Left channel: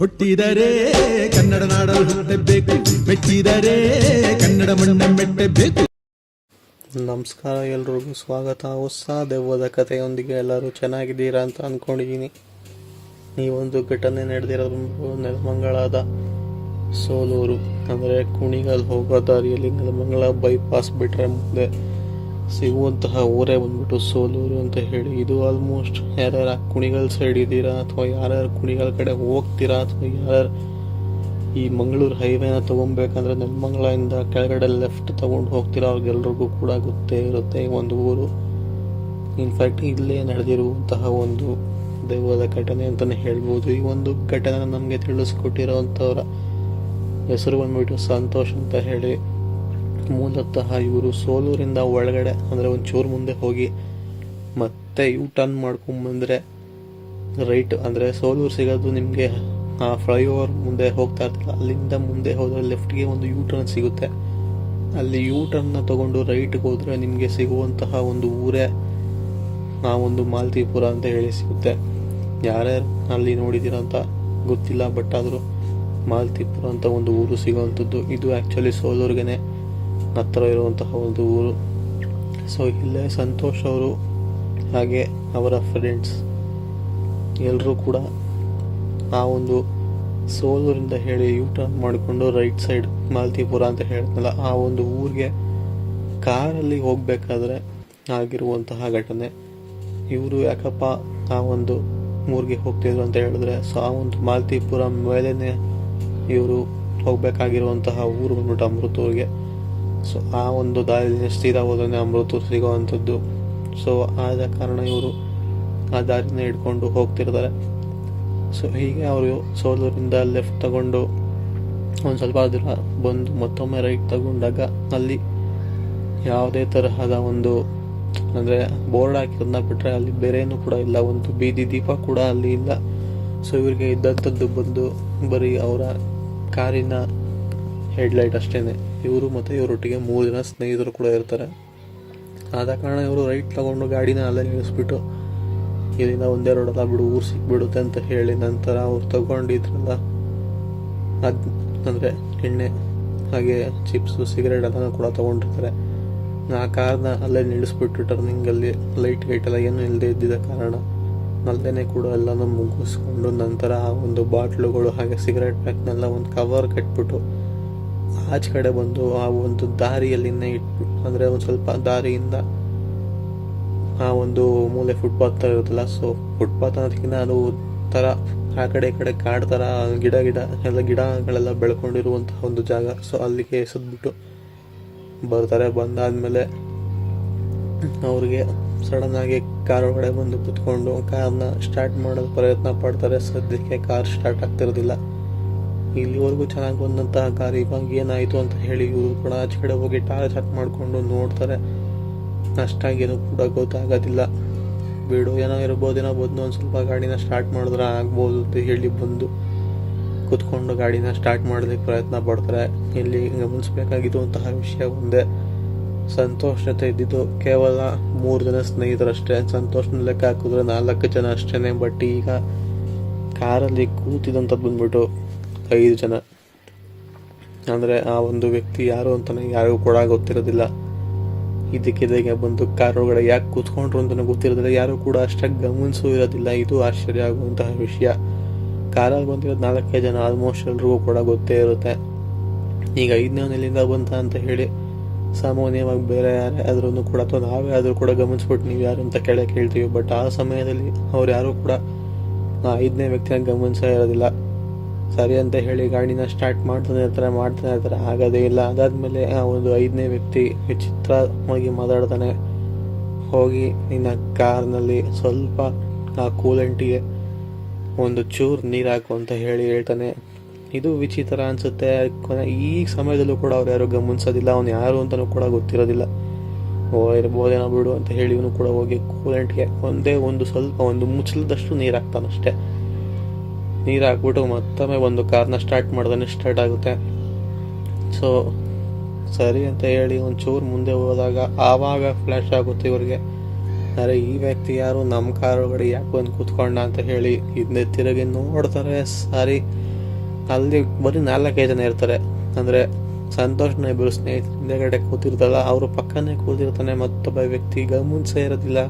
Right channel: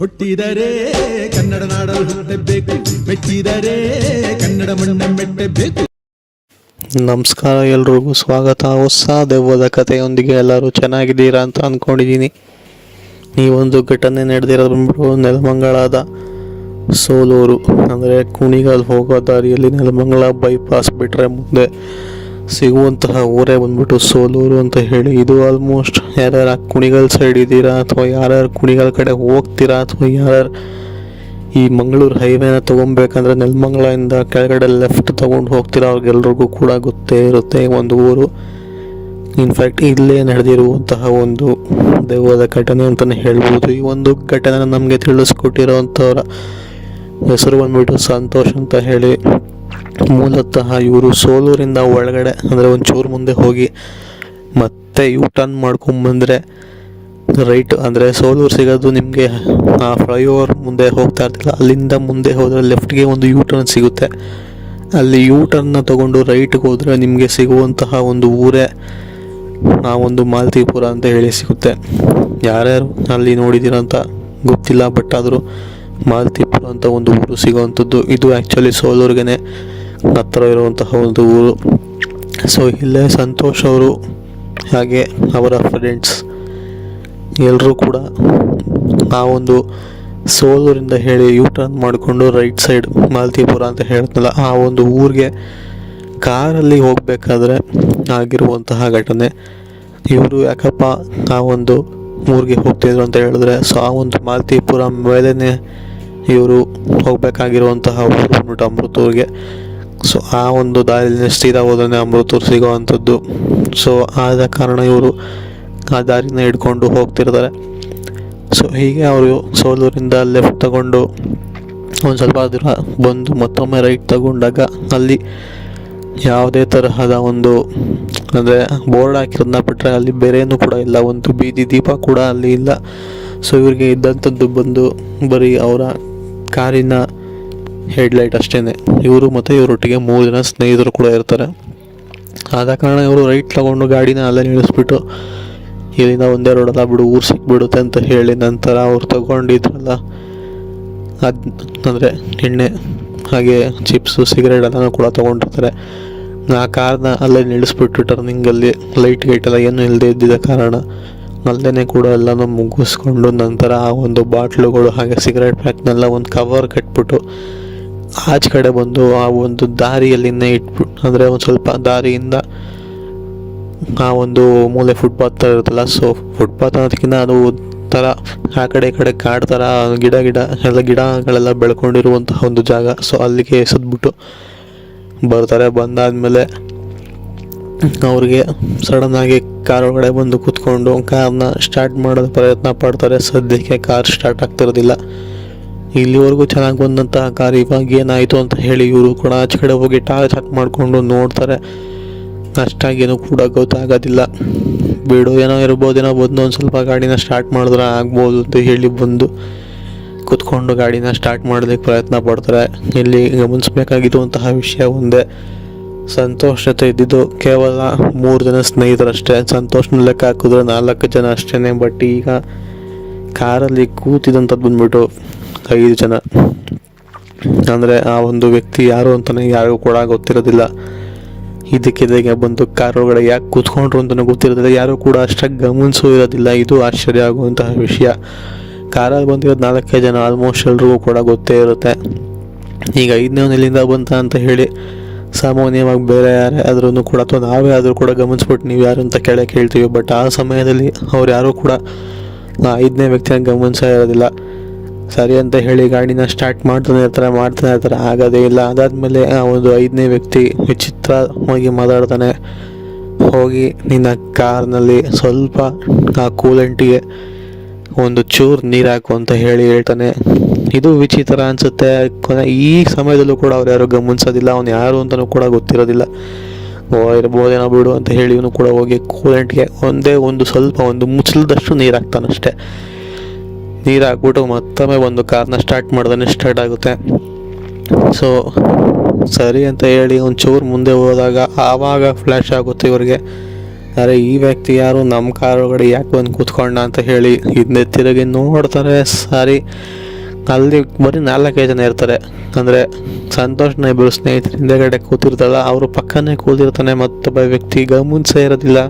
ಹುಟ್ಟಿದರೆ ಕನ್ನಡ ನಾಡಲು ಹುಟ್ಟಬೇಕು, ಮೆಚ್ಚಿದರೆ ಕನ್ನಡ ಮಣ್ಣ ಮೆಟ್ಟಬೇಕು. ನಮಸ್ಕಾರ, ಎಲ್ರಿಗೂ ಸ್ವಾಗತ. ಹೊಸ ದೆವ್ವದ ಕಥೆಯೊಂದಿಗೆ ಎಲ್ಲರೂ ಚೆನ್ನಾಗಿದ್ದೀರಾ ಅಂತ ಅಂದ್ಕೊಂಡಿದ್ದೀನಿ. ಈ ಒಂದು ಘಟನೆ ನಡೆದಿರೋದು ಬಂದ್ಬಿಟ್ಟು ನೆಲಮಂಗಲದ ಸೋಲೂರು, ಅಂದರೆ ಕುಣಿಗಲ್ ಹೋಗೋ ದಾರಿಯಲ್ಲಿ ನೆಲಮಂಗಲ ಬೈಪಾಸ್ ಬಿಟ್ಟರೆ ಮುಂದೆ ಸಿಗುವಂತಹ ಊರೇ ಬಂದ್ಬಿಟ್ಟು ಸೋಲೂರು ಅಂತ ಹೇಳಿ. ಇದು ಆಲ್ಮೋಸ್ಟ್ ಯಾರ್ಯಾರು ಕುಣಿಗಲ್ ಸೈಡ್ ಇದ್ದೀರಾ ಅಥವಾ ಯಾರ್ಯಾರು ಕುಣಿಗಲ್ ಕಡೆ ಹೋಗ್ತೀರಾ ಅಥವಾ ಯಾರ್ಯಾರು ಈ ಮಂಗಳೂರು ಹೈವೇನ ತೊಗೊಬೇಕಂದ್ರೆ ನೆಲಮಂಗಲದಿಂದ ಕೆಳಗಡೆ ಲೆಫ್ಟ್ ತೊಗೊಂಡು ಹೋಗ್ತೀರಾ ಅವ್ರಿಗೆಲ್ರಿಗೂ ಕೂಡ ಗೊತ್ತೇ ಇರುತ್ತೆ ಒಂದು ಊರು. ಇನ್ಫ್ಯಾಕ್ಟ್ ಇಲ್ಲೇ ನಡೆದಿರುವಂತಹ ಒಂದು ದೆವ್ವದ ಘಟನೆ ಅಂತಲೇ ಹೇಳ್ಬೋದು. ಈ ಒಂದು ಘಟನೆ ನಮಗೆ ತಿಳಿಸ್ಕೊಟ್ಟಿರೋವಂಥವ್ರ ಹೆಸರು ಬಂದ್ಬಿಟ್ಟು ಸಂತೋಷ್ ಅಂತ ಹೇಳಿ. ಮೂಲತಃ ಇವರು ಸೋಲೂರಿಂದ ಒಳಗಡೆ ಅಂದರೆ ಒಂಚೂರು ಮುಂದೆ ಹೋಗಿ ಮತ್ತೆ ಯೂ ಟರ್ನ್ ಮಾಡ್ಕೊಂಬಂದರೆ ರೈಟ್, ಅಂದರೆ ಸೋಲೂರು ಸಿಗೋದು ನಿಮಗೆ ಆ ಫ್ಲೈಓವರ್ ಮುಂದೆ ಹೋಗ್ತಾ ಇರ್ತಿಲ್ಲ, ಅಲ್ಲಿಂದ ಮುಂದೆ ಹೋದರೆ ಲೆಫ್ಟ್ಗೆ ಒಂದು ಯೂ ಟರ್ನ್ ಸಿಗುತ್ತೆ. ಅಲ್ಲಿ ಯೂ ಟರ್ನ್ನ ತೊಗೊಂಡು ರೈಟ್ಗೆ ಹೋದರೆ ನಿಮಗೆ ಸಿಗುವಂತಹ ಒಂದು ಊರೇ ಆ ಒಂದು ಮಾಲ್ತಿಪುರ ಅಂತ ಹೇಳಿ ಸಿಗುತ್ತೆ. ಯಾರ್ಯಾರು ಅಲ್ಲಿ ನೋಡಿದ್ದೀರಂತ ಗೊತ್ತಿಲ್ಲ, ಬಟ್ ಆದರೂ ಮಾಲ್ತಿಪುರ ಅಂತ ಒಂದು ಊರು ಸಿಗೋವಂಥದ್ದು. ಇದು ಆ್ಯಕ್ಚುಲಿ ಸೋಲೂರಿಗೇ ಹತ್ತಿರ ಇರುವಂತಹ ಒಂದು ಊರು. ಸೊ ಇಲ್ಲೇ ಸಂತೋಷ್ ಅವರು ಹಾಗೆ ಅವರ ಫ್ರೆಂಡ್ಸ್ ಎಲ್ಲರೂ ಕೂಡ ಆ ಒಂದು ಸೋಲೂರಿಂದ ಹೇಳಿ ಯೂ ಟರ್ನ್ ಮಾಡಿಕೊಂಡು ರೈಟ್ ಸೈಡ್ ಮಾಲ್ತಿಪುರ ಅಂತ ಹೇಳ್ತಲ್ಲ ಆ ಒಂದು ಊರಿಗೆ ಕಾರಲ್ಲಿ ಹೋಗಬೇಕಾದ್ರೆ ಆಗಿರುವಂತಹ ಘಟನೆ. ಇವರು ಯಾಕಪ್ಪ ಆ ಒಂದು ಊರಿಗೆ ಹೋಗ್ತಿದ್ರು ಅಂತ ಹೇಳಿದ್ರೆ, ಸೊ ಆ ಒಂದು ಮಾಲ್ತಿಪುರ ಮೇಲೇ ಇವರು ಹೋಗಬೇಕಾಗಿರುವಂತಹ ಊರು ಬಂದ್ಬಿಟ್ಟು ಅಮೃತೂರಿಗೆ. ಸೊ ಆ ಒಂದು ದಾರಿಯಲ್ಲಿ ಸೀದಾ ಹೋದ್ರೆ ಅಮೃತೂರು ಸಿಗೋ ಅಂಥದ್ದು. ಸೊ ಆದ ಕಾರಣ ಇವರು ಆ ದಾರಿನ ಹಿಡ್ಕೊಂಡು ಹೋಗ್ತಿರ್ತಾರೆ. ಸೊ ಹೀಗೆ ಅವರು ಸೋಲೂರಿಂದ ಲೆಫ್ಟ್ ತಗೊಂಡು ಒಂದು ಸ್ವಲ್ಪ ದೂರ ಬಂದು ಮತ್ತೊಮ್ಮೆ ರೈಟ್ ತಗೊಂಡಾಗ ಅಲ್ಲಿ ಯಾವುದೇ ತರಹದ ಒಂದು ಅಂದರೆ ಬೋರ್ಡ್ ಹಾಕಿರೋದನ್ನ ಬಿಟ್ಟರೆ ಅಲ್ಲಿ ಬೇರೇನೂ ಕೂಡ ಇಲ್ಲ, ಒಂದು ಬೀದಿ ದೀಪ ಕೂಡ ಅಲ್ಲಿ ಇಲ್ಲ. ಸೊ ಇವ್ರಿಗೆ ಇದ್ದಂಥದ್ದು ಬಂದು ಬರೀ ಅವರ ಕಾರಿನ ಹೆಡ್ಲೈಟ್ ಅಷ್ಟೇ. ಇವರು ಮತ್ತು ಇವರೊಟ್ಟಿಗೆ 3 ಜನ ಸ್ನೇಹಿತರು ಕೂಡ ಇರ್ತಾರೆ. ಆದ ಕಾರಣ ಇವರು ರೈಟ್ ತಗೊಂಡು ಗಾಡಿನ ಅಲ್ಲೇ ನಿಲ್ಲಿಸ್ಬಿಟ್ಟು ಇಲ್ಲಿಂದ ಒಂದೇ ರೋಡಲ್ಲ ಬಿಡು ಊರು ಸಿಕ್ಬಿಡುತ್ತೆ ಅಂತ ಹೇಳಿ ನಂತರ ಅವ್ರು ತಗೊಂಡಿದ್ರಲ್ಲ ಅಂದರೆ ಎಣ್ಣೆ ಹಾಗೆ ಚಿಪ್ಸು ಸಿಗರೇಟ್ ಎಲ್ಲನೂ ಕೂಡ ತೊಗೊಂಡಿರ್ತಾರೆ. ಆ ಕಾರ್ನ ಅಲ್ಲೇ ನಿಲ್ಲಿಸ್ಬಿಟ್ಟು ಟರ್ನಿಂಗಲ್ಲಿ ಲೈಟ್ ಗೈಟೆಲ್ಲ ಏನೂ ಇಲ್ಲದೆ ಇದ್ದಿದ್ದ ಕಾರಣ ಅಲ್ಲೇ ಕೂಡ ಎಲ್ಲನೂ ಮುಗಿಸ್ಕೊಂಡು ನಂತರ ಆ ಒಂದು ಬಾಟ್ಲುಗಳು ಹಾಗೆ ಸಿಗರೇಟ್ ಪ್ಯಾಕ್ನೆಲ್ಲ ಒಂದು ಕವರ್ ಕಟ್ಬಿಟ್ಟು ಆಚೆ ಕಡೆ ಬಂದು ಆ ಒಂದು ದಾರಿಯಲ್ಲಿನೇ ಇಟ್ಬಿಟ್ಟು, ಅಂದರೆ ಒಂದು ಸ್ವಲ್ಪ ದಾರಿಯಿಂದ ಆ ಒಂದು ಮೂಲೆ ಫುಟ್ಪಾತ್ ಥರ ಇರುತ್ತಲ್ಲ, ಸೊ ಫುಟ್ಪಾತ್ ಅನ್ನೋದಕ್ಕಿಂತ ಅದು ಥರ ಆ ಕಡೆ ಈ ಕಡೆ ಕಾಡು ಥರ ಗಿಡ ಎಲ್ಲ ಗಿಡಗಳೆಲ್ಲ ಬೆಳ್ಕೊಂಡಿರುವಂತಹ ಒಂದು ಜಾಗ. ಸೊ ಅಲ್ಲಿಗೆ ಎಸೆದ್ಬಿಟ್ಟು ಬರ್ತಾರೆ. ಬಂದಾದಮೇಲೆ ಅವ್ರಿಗೆ ಸಡನ್ನಾಗಿ ಕಾರ್ ಒಳಗಡೆ ಬಂದು ಕೂತ್ಕೊಂಡು ಕಾರ್ನ ಸ್ಟಾರ್ಟ್ ಮಾಡೋದು ಪ್ರಯತ್ನ ಪಡ್ತಾರೆ. ಸದ್ಯಕ್ಕೆ ಕಾರ್ ಸ್ಟಾರ್ಟ್ ಆಗ್ತಿರೋದಿಲ್ಲ. ಇಲ್ಲಿವರೆಗೂ ಚೆನ್ನಾಗಿ ಬಂದಂತಹ ಕಾರ್ ಇವಾಗ ಏನಾಯಿತು ಅಂತ ಹೇಳಿ ಇವರು ಕೂಡ ಆಚೆ ಕಡೆ ಹೋಗಿ ಟಾರ್ಚ್ ಹಾಕಿ ಮಾಡಿಕೊಂಡು ನೋಡ್ತಾರೆ. ಅಷ್ಟಾಗೇನೂ ಕೂಡ ಗೊತ್ತಾಗೋದಿಲ್ಲ. ಬಿಡು ಏನೋ ಇರ್ಬೋದೇನೋ, ಬಂದು ಒಂದು ಸ್ವಲ್ಪ ಗಾಡಿನ ಸ್ಟಾರ್ಟ್ ಮಾಡಿದ್ರೆ ಆಗ್ಬೋದು ಅಂತ ಹೇಳಿ ಬಂದು ಕೂತ್ಕೊಂಡು ಗಾಡಿನ ಸ್ಟಾರ್ಟ್ ಮಾಡೋದಕ್ಕೆ ಪ್ರಯತ್ನ ಪಡ್ತಾರೆ. ಇಲ್ಲಿ ಗಮನಿಸಬೇಕಾಗಿರುವಂತಹ ವಿಷಯ ಒಂದೇ, ಸಂತೋಷ್ ಜೊತೆ ಇದ್ದಿದ್ದು ಕೇವಲ 3 ಜನ ಸ್ನೇಹಿತರಷ್ಟೇ. ಸಂತೋಷ್ನ ಲೆಕ್ಕ ಹಾಕಿದ್ರೆ 4 ಜನ ಅಷ್ಟೇ. ಬಟ್ ಈಗ ಕಾರಲ್ಲಿ ಕೂತಿದಂಥದ್ದು ಬಂದ್ಬಿಟ್ಟು 5 ಜನ. ಅಂದರೆ ಆ ಒಂದು ವ್ಯಕ್ತಿ ಯಾರು ಅಂತಲೇ ಯಾರಿಗೂ ಕೂಡ ಗೊತ್ತಿರೋದಿಲ್ಲ. ಇದಕ್ಕೆ ಬಂದು ಕಾರ್ ಒಳಗಡೆ ಯಾಕೆ ಕೂತ್ಕೊಂಡ್ರು ಅಂತಲೂ ಗೊತ್ತಿರೋದಿಲ್ಲ, ಯಾರು ಕೂಡ ಅಷ್ಟಾಗಿ ಗಮನಿಸೂ ಇರೋದಿಲ್ಲ. ಇದು ಆಶ್ಚರ್ಯ ಆಗುವಂತಹ ವಿಷಯ. ಕಾರಲ್ಲಿ ಬಂದಿರೋದು 4 ಜನ, ಆಲ್ಮೋಸ್ಟ್ ಎಲ್ರಿಗೂ ಕೂಡ ಗೊತ್ತೇ ಇರುತ್ತೆ. ಈಗ 5ನೇ ಎಲ್ಲಿಂದ ಬಂತ ಅಂತ ಹೇಳಿ ಸಾಮಾನ್ಯವಾಗಿ ಬೇರೆ ಯಾರೇ ಆದ್ರೂ ಕೂಡ ಅಥವಾ ನಾವೇ ಆದರೂ ಕೂಡ ಗಮನಿಸ್ಬಿಟ್ಟು ನೀವು ಯಾರು ಅಂತ ಕೇಳ್ತೀವಿ. ಬಟ್ ಆ ಸಮಯದಲ್ಲಿ ಅವ್ರು ಯಾರೂ ಕೂಡ 5ನೇ ವ್ಯಕ್ತಿನ ಗಮನಿಸೇ ಇರೋದಿಲ್ಲ. ಸರಿ ಅಂತ ಹೇಳಿ ಗಾಡಿನ ಸ್ಟಾರ್ಟ್ ಮಾಡ್ತಾನೆ ಇರ್ತಾರೆ, ಆಗೋದೇ ಇಲ್ಲ. ಅದಾದಮೇಲೆ ಆ ಒಂದು 5ನೇ ವ್ಯಕ್ತಿ ವಿಚಿತ್ರವಾಗಿ ಮಾತಾಡ್ತಾನೆ. ಹೋಗಿ ನಿನ್ನ ಕಾರ್ನಲ್ಲಿ ಸ್ವಲ್ಪ ಆ ಕೂಲೆಂಟಿಗೆ ಒಂದು ಚೂರು ನೀರು ಹಾಕು ಅಂತ ಹೇಳ್ತಾನೆ. ಇದು ವಿಚಿತ್ರ ಅನಿಸುತ್ತೆ. ಈ ಸಮಯದಲ್ಲೂ ಕೂಡ ಅವ್ರು ಯಾರು ಗಮನಿಸೋದಿಲ್ಲ, ಅವ್ನು ಯಾರು ಅಂತಲೂ ಕೂಡ ಗೊತ್ತಿರೋದಿಲ್ಲ. ಇರ್ಬೋದೇನೋ ಬಿಡು ಅಂತ ಹೇಳಿ ಇವನು ಕೂಡ ಹೋಗಿ ಕೂಲೆಂಟ್ಗೆ ಒಂದು ಸ್ವಲ್ಪ ಒಂದು ಮುಚ್ಚಲದಷ್ಟು ನೀರು ಹಾಕ್ತಾನಷ್ಟೆ. ನೀರು ಹಾಕ್ಬಿಟ್ಟು ಮತ್ತೊಮ್ಮೆ ಒಂದು ಕಾರ್ನ ಸ್ಟಾರ್ಟ್ ಸ್ಟಾರ್ಟ್ ಆಗುತ್ತೆ. ಸೊ ಸರಿ ಅಂತ ಹೇಳಿ ಒಂಚೂರು ಮುಂದೆ ಹೋದಾಗ ಆವಾಗ ಫ್ಲ್ಯಾಶ್ ಆಗುತ್ತೆ ಇವ್ರಿಗೆ, ಅರೆ ಈ ವ್ಯಕ್ತಿ ಯಾರು ನಮ್ಮ ಕಾರ್ ಒಳಗಡೆ ಯಾಕೆ ಬಂದು ಕೂತ್ಕೊಂಡ ಅಂತ ಹೇಳಿ ಹಿಂದೆ ತಿರುಗಿ ನೋಡ್ತಾರೆ. ಸಾರಿ, ಅಲ್ಲಿ ಬರೀ 4 ಜನ ಇರ್ತಾರೆ. ಅಂದರೆ ಸಂತೋಷ್ನ ಇಬ್ಬರು ಸ್ನೇಹಿತರು ಹಿಂದೆಗಡೆ ಕೂತಿರ್ತಲ್ಲ, ಅವರು ಪಕ್ಕನೇ ಕೂತಿರ್ತಾನೆ. ಮತ್ತೊಬ್ಬ ವ್ಯಕ್ತಿ ಗಮನಿಸೇ ಇರೋದಿಲ್ಲ.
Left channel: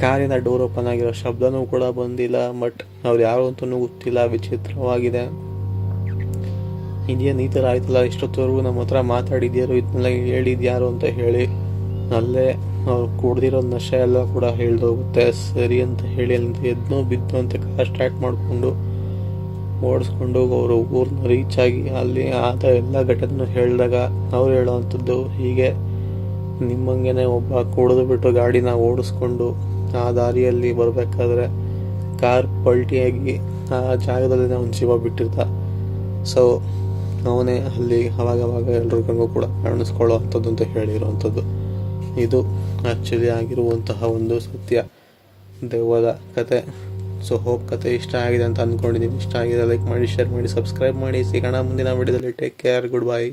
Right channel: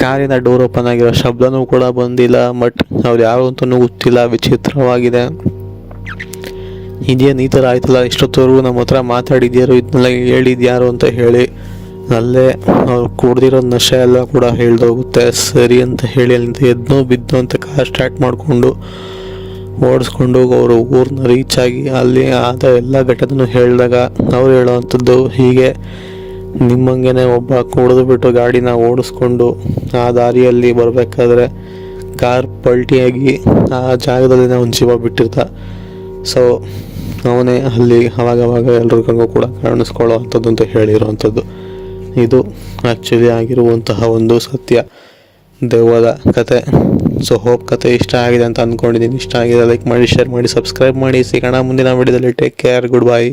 ಕಾರಿನ ಡೋರ್ ಓಪನ್ ಆಗಿರೋ ಶಬ್ದನೂ ಕೂಡ ಬಂದಿಲ್ಲ. ಬಟ್ ಅವ್ರು ಯಾರು ಅಂತಲೂ ಗೊತ್ತಿಲ್ಲ. ವಿಚಿತ್ರವಾಗಿದೆ. ಇದೇನು ಈ ಥರ ಆಯ್ತಲ್ಲ, ಇಷ್ಟೊತ್ತವರೆಗೂ ನಮ್ಮ ಹತ್ರ ಮಾತಾಡಿದ್ಯಾರು, ಇದನ್ನೆಲ್ಲ ಹೇಳಿದ್ಯಾರು ಅಂತ ಹೇಳಿ ಅಲ್ಲೇ ಅವ್ರು ಕುಡ್ದಿರೋ ನಶೆ ಎಲ್ಲ ಕೂಡ ಹೇಳ್ದೋಗುತ್ತೆ. ಸರಿ ಅಂತ ಹೇಳಿ ಅಲ್ಲಿಂದ ಎದ್ನೋ ಬಿದ್ದೋ ಅಂತ ಕಾರ್ ಸ್ಟಾರ್ಟ್ ಮಾಡಿಕೊಂಡು ಓಡಿಸ್ಕೊಂಡು ಅವರು ಊರನ್ನ ರೀಚ್ ಆಗಿ ಅಲ್ಲಿ ಆದ ಎಲ್ಲ ಘಟನೆನೂ ಹೇಳಿದಾಗ ಅವ್ರು ಹೇಳೋವಂಥದ್ದು ಹೀಗೆ, ನಿಮ್ಮಂಗೆ ಒಬ್ಬ ಕುಡಿದು ಬಿಟ್ಟು ಗಾಡಿನ ಓಡಿಸ್ಕೊಂಡು ಆ ದಾರಿಯಲ್ಲಿ ಬರಬೇಕಾದ್ರೆ ಕಾರ್ ಪಲ್ಟಿಯಾಗಿ ಆ ಜಾಗದಲ್ಲಿ ಒಂದು ಜೀವ ಬಿಟ್ಟಿರ್ತ. ಸೊ ಅವನೇ ಅಲ್ಲಿ ಅವಾಗವಾಗ ಎಲ್ರಿಗೂ ಕೂಡ ಕಾಣಿಸ್ಕೊಳ್ಳೋ ಅಂಥದ್ದು ಅಂತ ಹೇಳಿರೋವಂಥದ್ದು. ಇದು ಆ್ಯಕ್ಚುಲಿ ಆಗಿರುವಂತಹ ಒಂದು ಸತ್ಯ ದೆವ್ವದ ಕತೆ. ಸೊ ಹೋಪ್ ಕತೆ ಇಷ್ಟ ಆಗಿದೆ ಅಂತ ಅಂದ್ಕೊಂಡಿದ್ದೀನಿ. ಇಷ್ಟ ಆಗಿದೆ ಲೈಕ್ ಮಾಡಿ, ಶೇರ್ ಮಾಡಿ, ಸಬ್ಸ್ಕ್ರೈಬ್ ಮಾಡಿ. ಸಿಗೋಣ ಮುಂದಿನ ವಿಡಿಯೋದಲ್ಲಿ. Take care, good bye.